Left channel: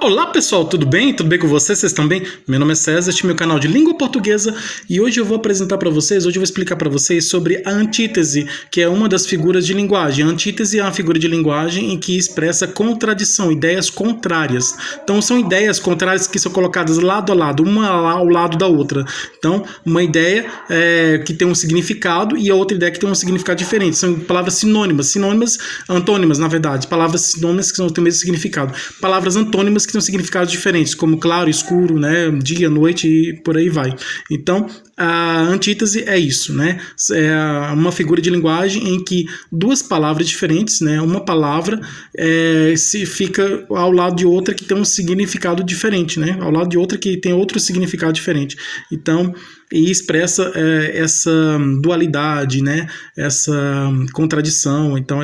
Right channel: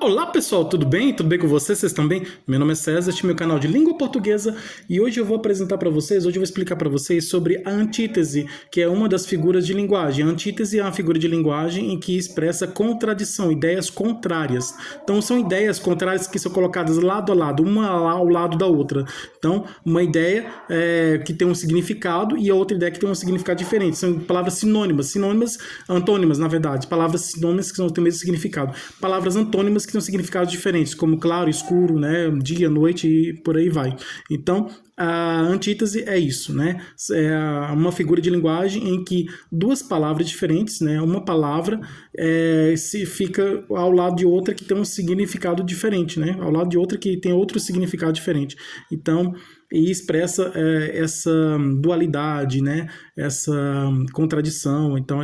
Olá pessoal, tudo bem? Tudo bem com vocês? Vocês estão bem? Meu nome é César, este é meu canal de língua portuguesa e hoje eu vou explicar para vocês sobre a antítese, que é uma das figuras de linguagem. A antítese é uma figura de linguagem em que expressa contradição, ideias contrárias. Então são ideias contrárias que são colocadas lado a lado, uma ao lado da outra. Então uma ideia que tem um significado e a outra ideia que tem um significado diferente. São palavras sinônimas, antônimas na verdade, palavras sinônimas que têm o mesmo significado. Palavras antônimas que têm significados diferentes, como claro, escuro, né, dia, noite e por aí vai. Então, a antítese é isso, né? É uma figura de linguagem em que duas palavras diferentes, né, uma palavra se fica ao lado de outra que tem um significado diferente, né? Ao lado de outra que tem outro significado diferente. Então, e expressa essa dualidade, né? Essa contradição. Então,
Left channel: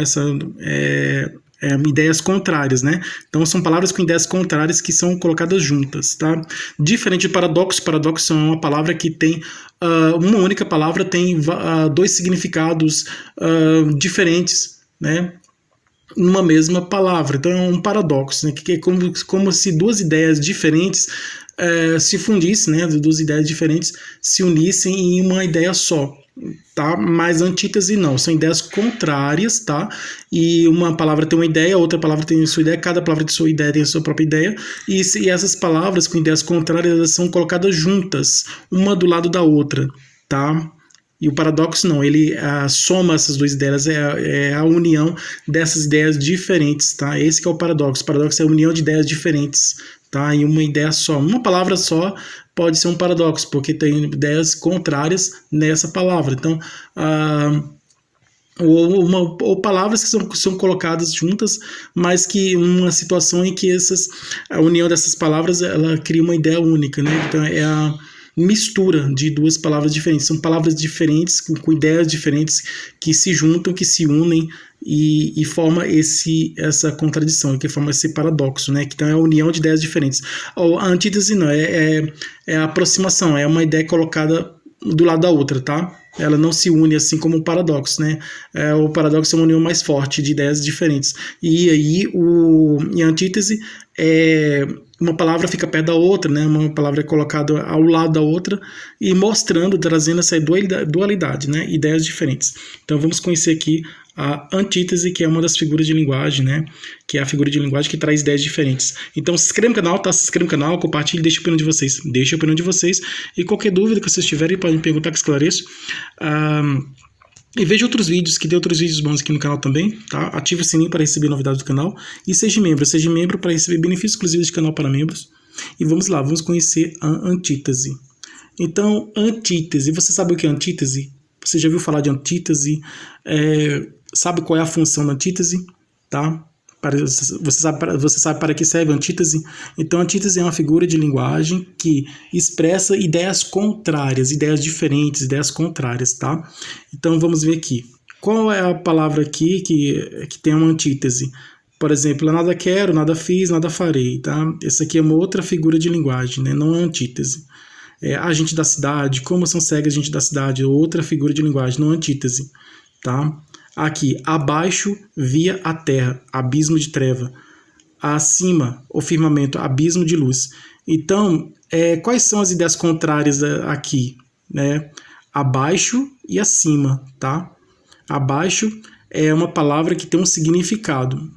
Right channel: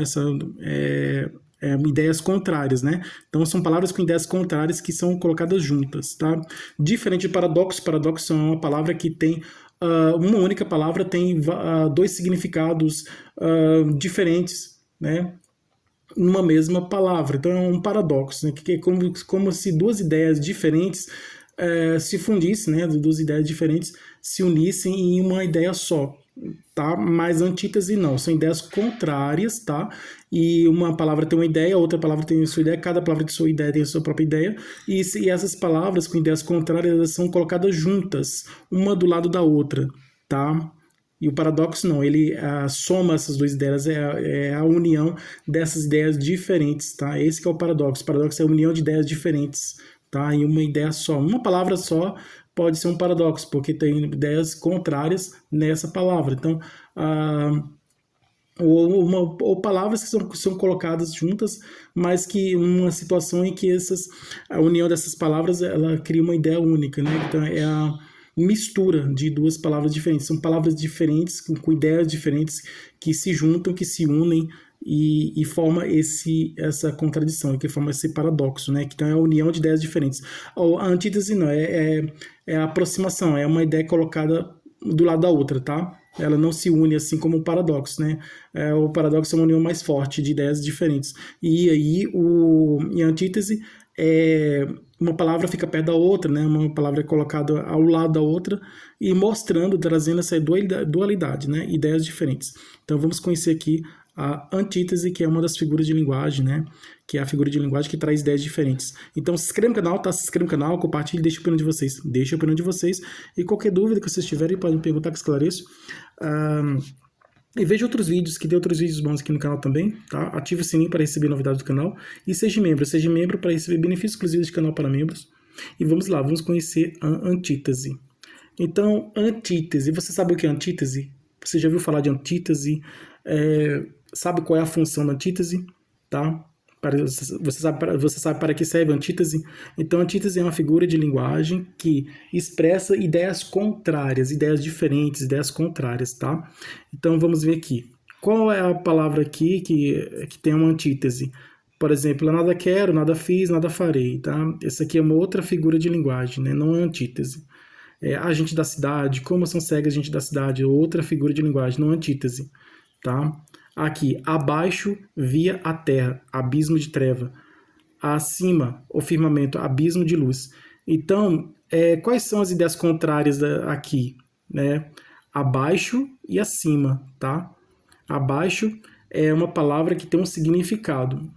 ideias contrárias, né? Então são palavras com ideias contrárias que são colocadas juntas, tá? Diferente de paradoxo, paradoxo é uma palavra que tem uma única palavra tem dois significados diferentes, né? Numa mesma palavra. Então é um paradoxo, né? Que é como se duas ideias diferentes se fundissem, né? Duas ideias diferentes se unissem em uma ideia só. Tá? Mas antítese não, são ideias contrárias, tá? E uma palavra tem uma ideia, outra palavra tem a sua ideia, cada palavra de sua ideia tem a sua própria ideia, e essas palavras com ideias contrárias elas são colocadas juntas, uma do lado da outra, tá? E o paradoxo não, ele soma essas duas ideias, é a união dessas ideias diferentes, tá? Esse que é o paradoxo. O paradoxo é a união de ideias diferentes, tá? Em uma ideia só. Uma palavra só pode ser um paradoxo, porque tem ideias contrárias nessa palavra. Então, ou palavras que são colocadas juntas, mas que uma situação em que a união dessas palavras ela cria uma ideia única, né? Então, é a mistura de duas palavras diferentes. São palavras diferentes, com ideias diferentes, que se juntam, que se unem e forma essa contradição, que forma esse paradoxo, né? Então é a união de ideias diferentes. A antítese não, é a aproximação, é uma ideia colocada do lado da outra, tá? Ela não se une assim como o paradoxo, né? O paradoxo é uma união mais forte de ideias diferentes. E aí, em antítese, uma palavra fica perto da outra, né? Uma palavra é colocada ao lado da outra e mostrando, trazendo essa dualidade, né? Ideias diferentes. Então, vamos conhecer aqui a antítese, que é uma das figuras de linguagem, né? Que é a figura de linguagem que traz ideias diferentes. Então, se inscreva no canal, tá? Se inscreva no canal, compartilhe, deixe a opinião de vocês. Deixe a opinião de vocês. E qualquer dúvida que vocês tiverem, podem me perguntar que esclareço. E veja outros vídeos, que tem outros vídeos bons aqui no canal também, tá? Ative o sininho para receber novidades do canal. E seja membro para receber benefícios exclusivos de canal para membros. E vamos lá, vamos conhecer a antítese. Então, antítese, você sabe o que é antítese? Você já ouviu falar de antítese? Sabe qual é a função da antítese? Tá? Você sabe para que serve a antítese? Então, a antítese é uma figura de linguagem que expressa ideias contrárias, ideias diferentes, ideias contrárias, tá? Então, vamos ver aqui. Qual é a palavra aqui que tem uma antítese? Por exemplo, nada quero, nada fiz, nada farei, tá? Essa aqui é uma outra figura de linguagem, né? Não é antítese. A gente da cidade, como são cegas a gente da cidade, outra figura de linguagem, não é antítese, tá? Aqui, abaixo via a terra, abismo de treva. Acima, o firmamento, abismo de luz. Então, quais são as ideias contrárias aqui? Né? Abaixo e acima, tá? Abaixo é uma palavra que tem um significado,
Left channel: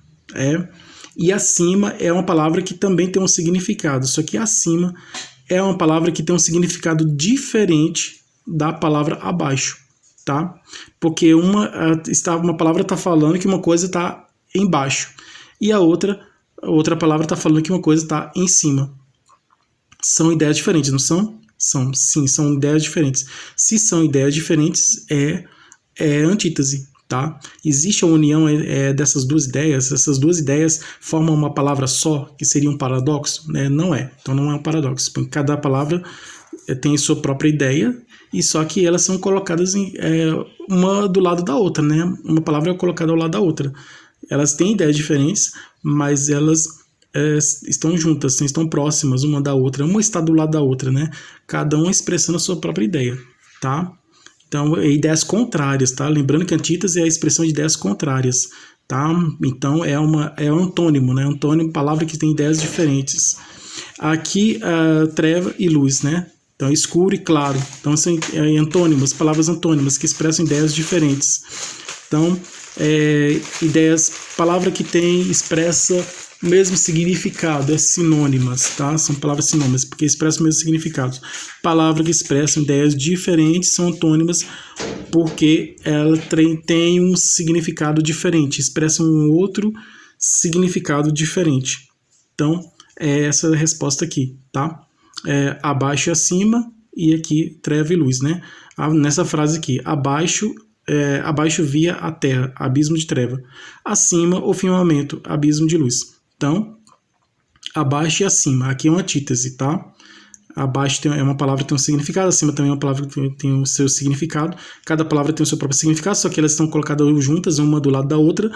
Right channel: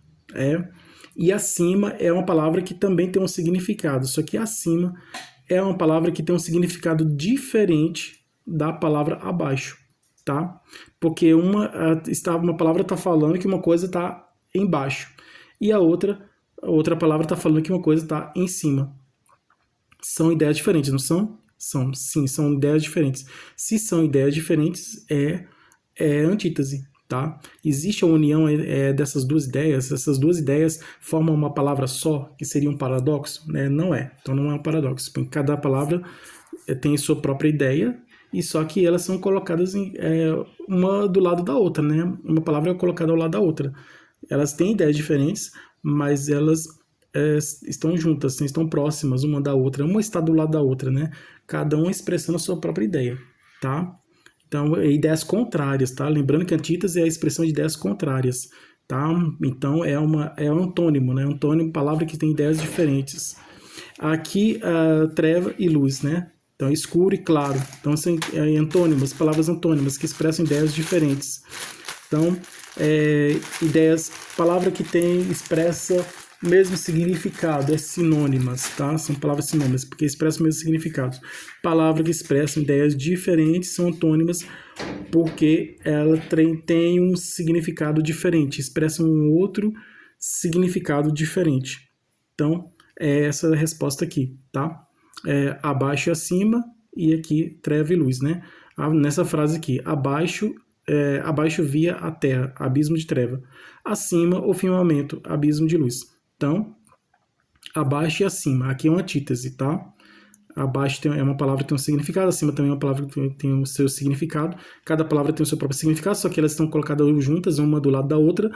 e acima é uma palavra que também tem um significado, só que acima é uma palavra que tem um significado diferente da palavra abaixo. Tá? Porque uma palavra está falando que uma coisa está embaixo e a outra palavra está falando que uma coisa está em cima. São ideias diferentes, não são? Sim, são ideias diferentes. Se são ideias diferentes, é antítese, tá? Existe a união dessas duas ideias, essas duas ideias formam uma palavra só, que seria um paradoxo? Né? Não é, então não é um paradoxo, porque cada palavra tem sua própria ideia, e só que elas são colocadas uma do lado da outra, né? Uma palavra é colocada ao lado da outra. Elas têm ideias diferentes, mas elas estão juntas, estão próximas uma da outra. Uma está do lado da outra, né? Cada uma expressando a sua própria ideia, tá? Então, ideias contrárias, tá? Lembrando que antítese é a expressão de ideias contrárias, tá? Então é um antônimo, né? Antônimo, palavra que tem ideias diferentes. Aqui, treva e luz, né? Então, escuro e claro. Então, são antônimos, palavras antônimas que expressam ideias diferentes. Então, palavra que expressa o mesmo significado, sinônimas, tá? São palavras sinônimas, porque expressam o mesmo significado. Palavras que expressam ideias diferentes são antônimas, porque ela tem um significado diferente, expressam um outro significado diferente. Então, essa é a resposta aqui, tá? Abaixo e acima, e aqui treva e luz, né? Nessa frase aqui, abaixo via a terra, abismo de treva. Acima, o firmamento, abismo de luz. Então, abaixo e acima, aqui é uma antítese, tá? Abaixo é uma palavra que tem um significado, acima também é uma palavra que tem o seu significado. Cada palavra tem o seu próprio significado, só que elas estão colocadas juntas, uma do lado da outra.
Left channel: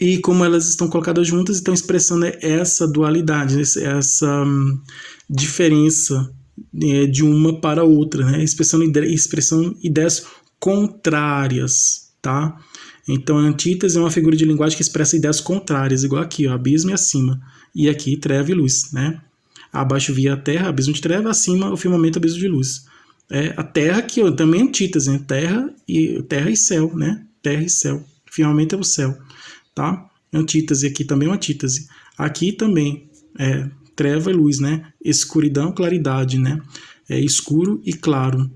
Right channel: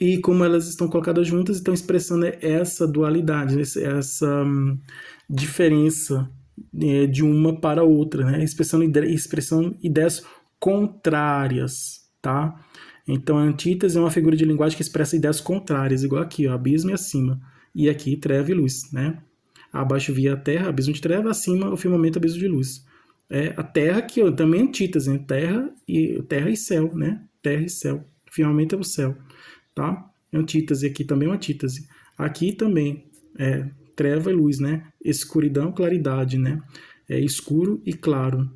E como elas estão colocadas juntas, estão expressando essa dualidade, essa diferença de uma para outra, né? Expressando ideias contrárias, tá? Então, a antítese é uma figura de linguagem que expressa ideias contrárias, igual aqui, ó, abismo e acima. E aqui, treva e luz, né? Abaixo via a terra, abismo de treva, acima o firmamento, abismo de luz. A terra aqui, ó, também é antítese, né? Terra e céu, né? Terra e céu. Firmamento é o céu, tá? Antítese aqui também é uma antítese. Aqui também treva e luz, né? Escuridão, claridade, né? Escuro e claro.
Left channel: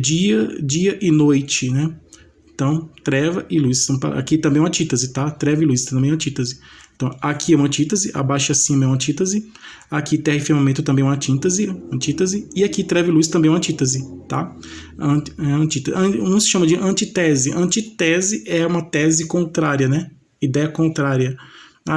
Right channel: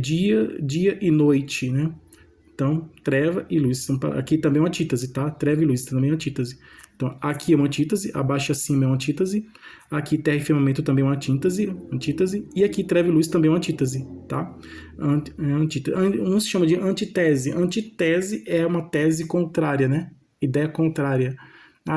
Dia e noite, né? Então, treva e luz. Aqui também é uma antítese, tá? Treva e luz também é uma antítese. Então, aqui é uma antítese, abaixo e acima é uma antítese. Aqui, terra e firmamento também é uma antítese. E aqui, treva e luz também é uma antítese, tá? Um se chama de antitese. Antitese é uma tese contrária, né? Ideia contrária.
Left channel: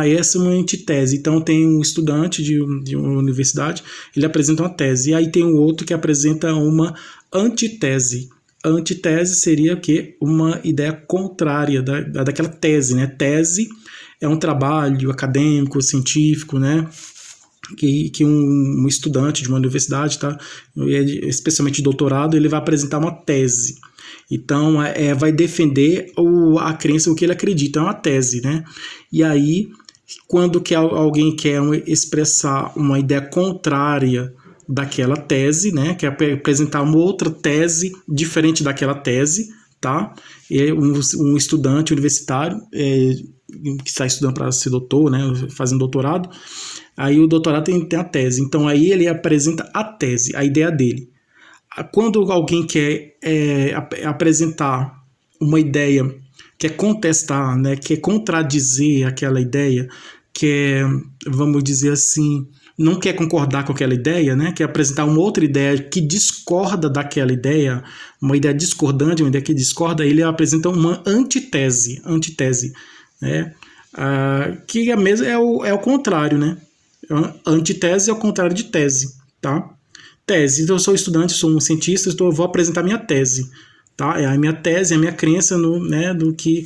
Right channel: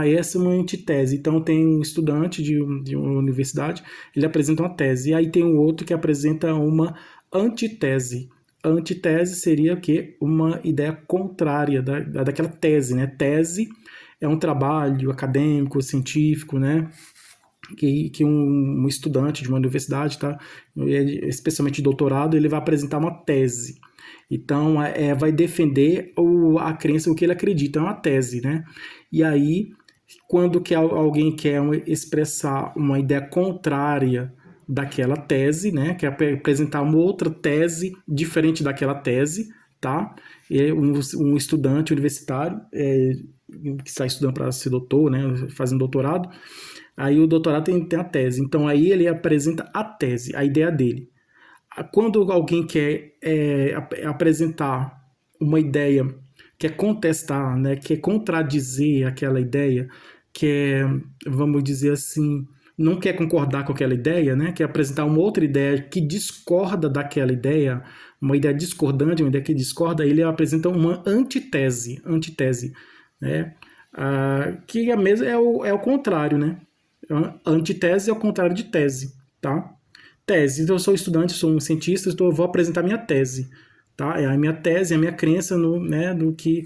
Essa é uma antitese. Então, tem um estudante de uma universidade, ele apresenta uma tese. E aí tem um outro que apresenta uma antitese. A antitese seria o quê? Uma ideia contrária daquela tese, né? Tese é um trabalho acadêmico, científico, né? Que um estudante de uma universidade, tá? Especialmente de doutorado, ele vai apresentar uma tese. Então, vai defender a crença, o que ele acredita, é uma tese, né? E aí, quando alguém quer expressar uma ideia contrária daquela tese, né? Quer apresentar uma outra tese diferente daquela tese, tá? Um estudante universitário que está estudando para ser doutor, né? Fazendo doutorado, aí o doutorado tem a tese. Então, aí ele apresenta a tese, a ideia dele. Quando alguém quer apresentar uma ideia, quer contestar, né? Quer contradizer aquela ideia, quer, vamos dizer assim, não quer concordar com aquela ideia, né? Quer apresentar uma outra ideia que discorda daquela ideia, uma ideia discordante, uma ideia que discorda, ele apresenta uma antitese, né? Que é mesmo é o contrário, né? Antitese é o contrário de tese, tá? Tese. Então, eu sou estudante, sou um cientista, então eu vou apresentar minha tese, tá? É a minha tese, a minha crença do que